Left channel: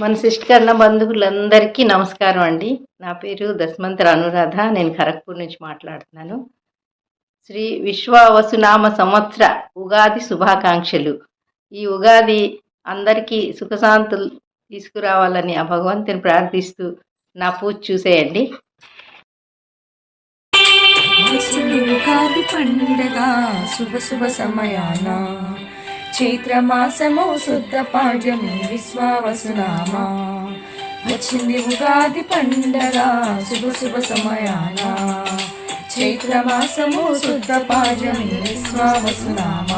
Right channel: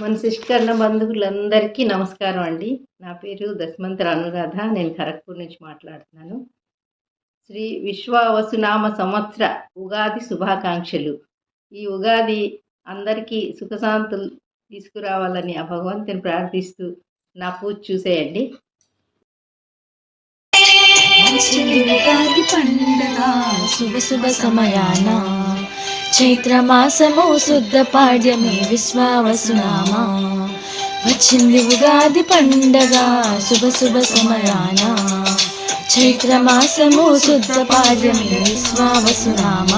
మన శిష్టకర్ణ బంధువులందరికీ నమస్కారం అండి. నా పేరు దశమంతర అనురాధ. నేను ఖరగ్‌పూర్ నుంచి మాట్లాడుతున్నాను. శ్రీ విశ్వావసునామ సంవత్సర ఉగాది శుభాకాంక్షలు. ఈ ఉగాది అందరికీ సుఖశాంతులు తీసుకురావాలని ఆ భగవంతుని ప్రార్థిస్తూ నా పూజ చూసేయండి. ఉగాది పండుగ శుభ శుభ సమయాన చైత్రమాసము శుద్ధ పాడ్యమి విశ్వావసునామ వచ్చింది ఉగాది పండుగ శుభ శుభ సమయాన చైత్రమాసము శుద్ధ పాడ్యమి విశ్వావసునామ.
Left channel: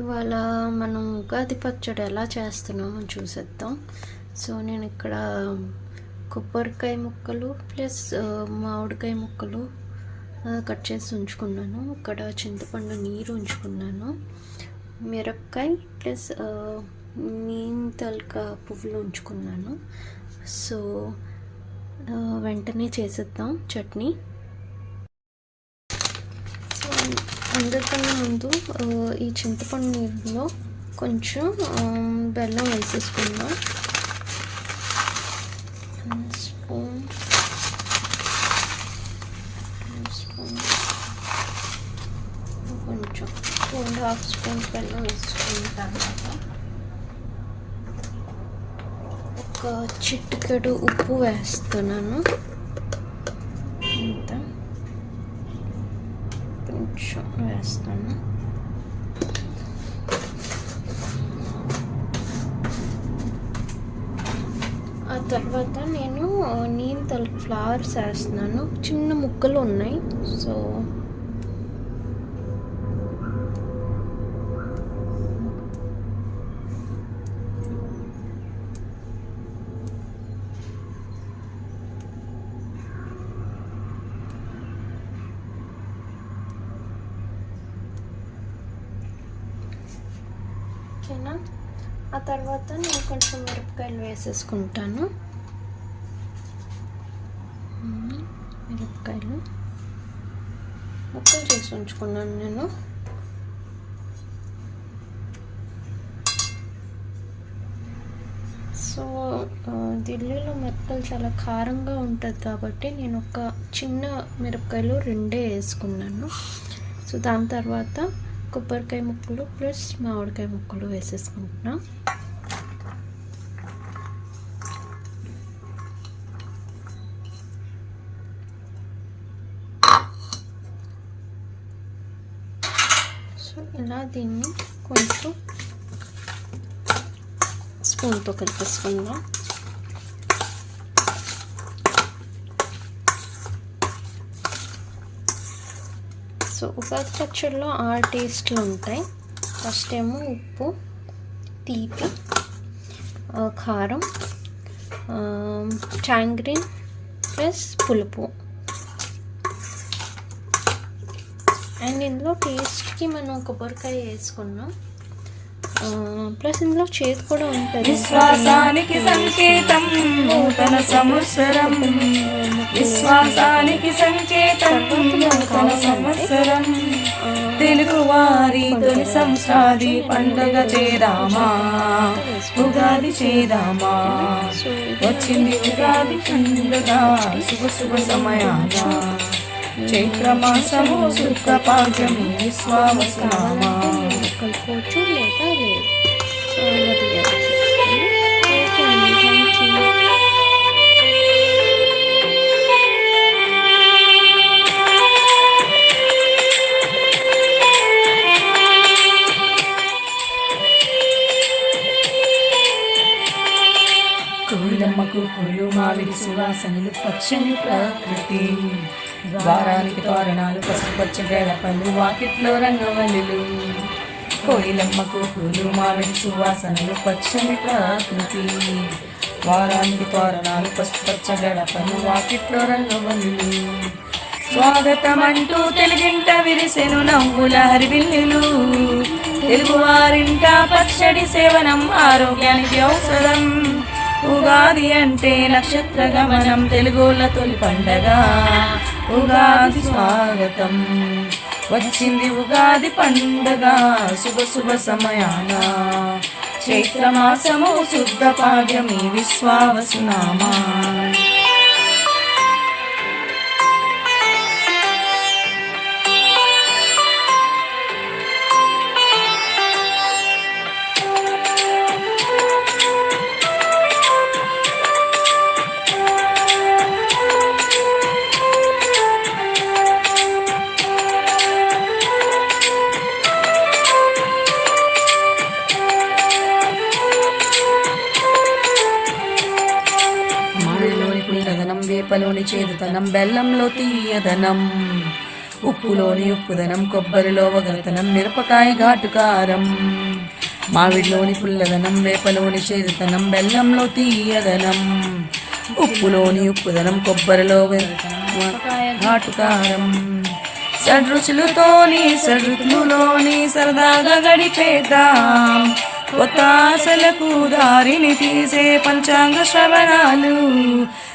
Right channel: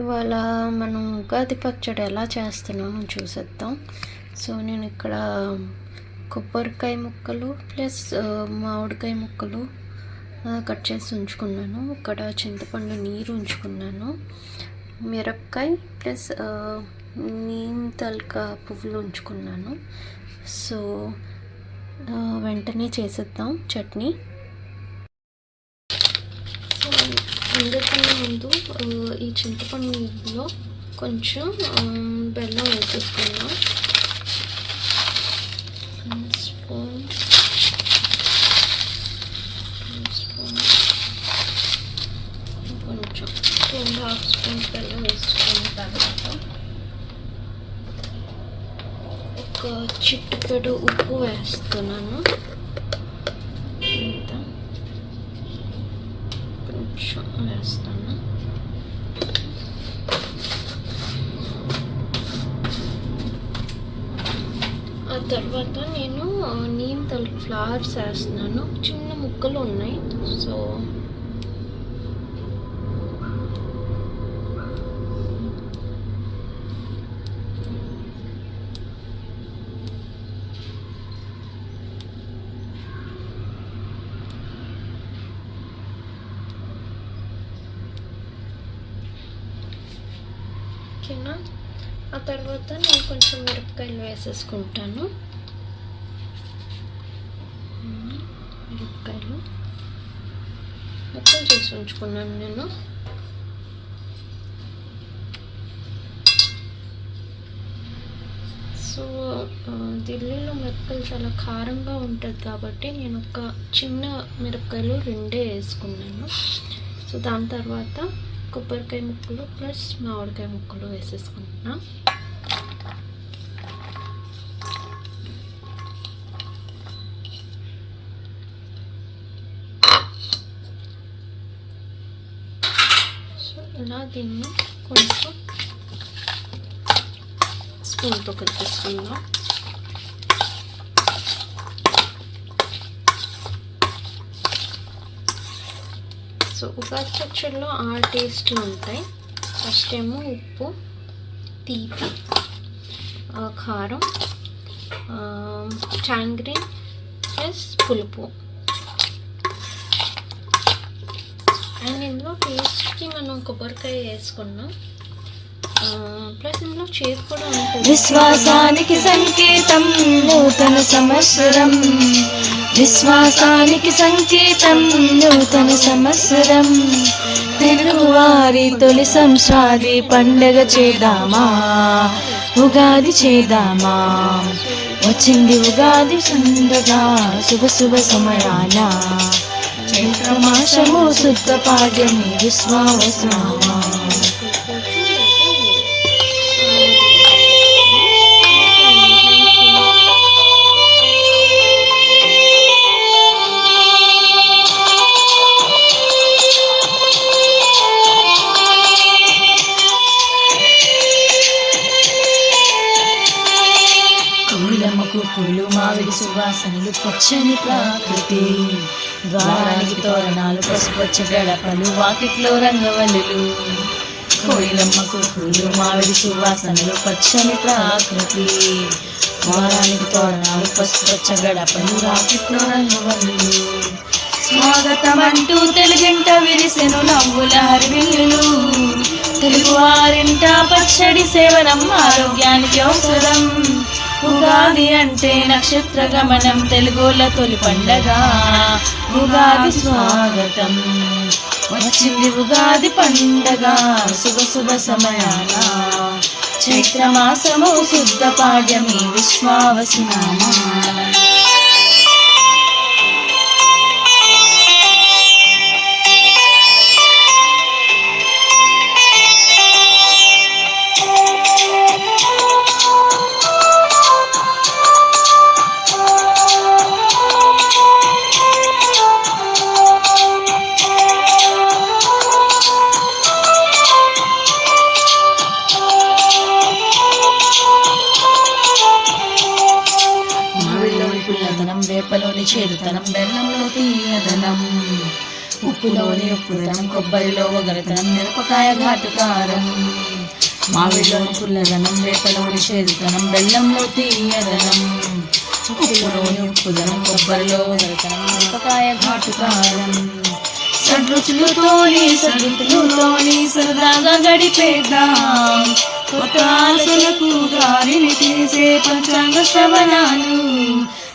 ఇవాళ మనం ఉగాది పచ్చడి ఎలా చేస్తున్నామో చూసేద్దాం. సో నేను ఇక్కడ కొబ్బరికాయ ముక్కలు ప్లస్ మామిడికాయ ముక్కలు కట్ చేసి ఉంచుకున్నాను. ఇక్కడ చింతపండు నీరు ఉంచుకున్నాను. మిరపకాయ ప్లస్ నీమ్ తలక పువ్వులు ఉంచుకున్నాను. సో వెంటనే చేసేద్దాం చట్నీ. సో అందరికన్నా ముందు ఈ చింతపండు నీరులో కొంచెం బెల్లం వేసేసుకుందాం. స్పూన్ కొంచెం 2.5 స్పూన్స్ బెల్లం వేసుకున్న తర్వాత ఒక చిటికెడు ఉప్పు వేస్తున్నాను. ఇంత కొంచెం వేస్తాను. ఆ తర్వాత నేను నీమ్ తలక ఫ్లవర్స్ వేస్తున్నాను. చిన్న ముక్కలు ఉన్నాయి. సో ఓకేనా. ఆ తర్వాత నేను కొంచెం మిరపకాయలు వేసేసుకుంటాను. మిరపకాయలు మొత్తం చేసి ఉంచుకున్నాను నేను. సో ఢిల్లీలో మిరపకాయలు చాలా కారంగా ఉంటుంది కాబట్టి నేను ఒక చిన్న మిరపకాయలు 2 వేసుకున్నాను. సో దాని తర్వాత కొబ్బరికాయ ముక్కలు ప్లస్ మామిడికాయ ముక్కలు వేసేసుకుంటున్నా. సో ఇలా దీన్ని కొంచెం స్పూన్తో కలిపేసుకుందాం. సో ఉగాది పచ్చడిలో 6 టేస్ట్లు ఉంటాయి. ఫస్ట్ ఏమో ఉప్పు, తీపి, కారం, టాంగ్రీన్ ప్లస్ పులుపు. అండ్ ఇందులో టేస్ట్కి మనం కొబ్బరికాయ వేసుకున్నాం. ప్లస్ ఇందులో చేదు కూడా ఉంటుంది. విశ్వాసానికి సంకేతం నూతన సంవత్సరం, విశ్వాసానికి సంకేతం నూతన సంవత్సరం. తెలుగు వారి తొలి సంవత్సరాది పండుగ చేద్దామా, ఉగాది చేద్దామా. వచ్చింది ఉగాది పండుగ శుభ శుభ సమయాన చైత్రమాసము శుద్ధ పాడ్యమి విశ్వావసునామ. పూలు మామిడి సువాసనలు పచ్చని ప్రకృతి, ద్వారానికి తోరణాలు పసుపచ్చ గడపలు వాకిట్లో రంగవల్లులు. కోయిలమ్మకు పూలు మామిడి సువాసనలు పచ్చని ప్రకృతి, ద్వారానికి తోరణాలు పసుపచ్చ గడపలు వాకిట్లో రంగవల్లులు. స్వాగతమంటూ తెలుగింట విరిసెను నవ్వుల హరివిల్లులు, తెలుగువారింట పచ్చడి సేవనం ఆరోగ్యానికి అవసరం. ఉగాది అంటే నక్షత్ర గమనం, తెలుగుల తొలి పండగ ఉగాది స్వాగతం. వచ్చింది ఉగాది పండగ శుభ శుభ సమయాన చైత్రమాసము శుద్ధ పాడ్యమి విశ్వావసునామా. వేపలోని చేదుతనం, బెల్లంలో తీయదనం, ఉప్పులోని ఉప్పుదనం, కొబ్బరిలో వగలతనం, మిరపకాయ ఘాటుకారం. మామిడిలోని పుల్లదనం, వేపలోని చేదుతనం, బెల్లంలో తీయదనం, ఉప్పులోని ఉప్పుదనం, కొబ్బరిలో వగలతనం, మిరపకాయ ఘాటుకారం. సడ్రుచులతోని సడుతులోని సరదాగా గడిపేద్దాం, కొత్త ఆశలకు దారిని తీసే పంచాంగ శ్రవణాలు.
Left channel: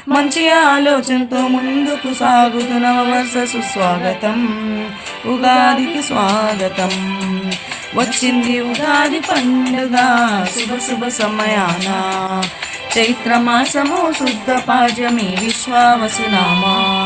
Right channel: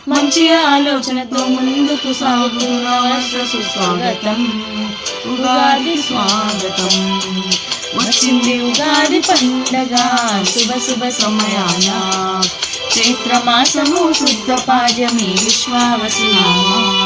మంచి ఆలోచనతో ముందుకు సాగుతున్న వర్ష సుస్వాగతం, ఉగాదికి స్వాగతం. వచ్చింది ఉగాది పండగ శుభ శుభ సమయాన, చైత్రమాసము శుద్ధ పాడ్యమి విశ్వావసునామా.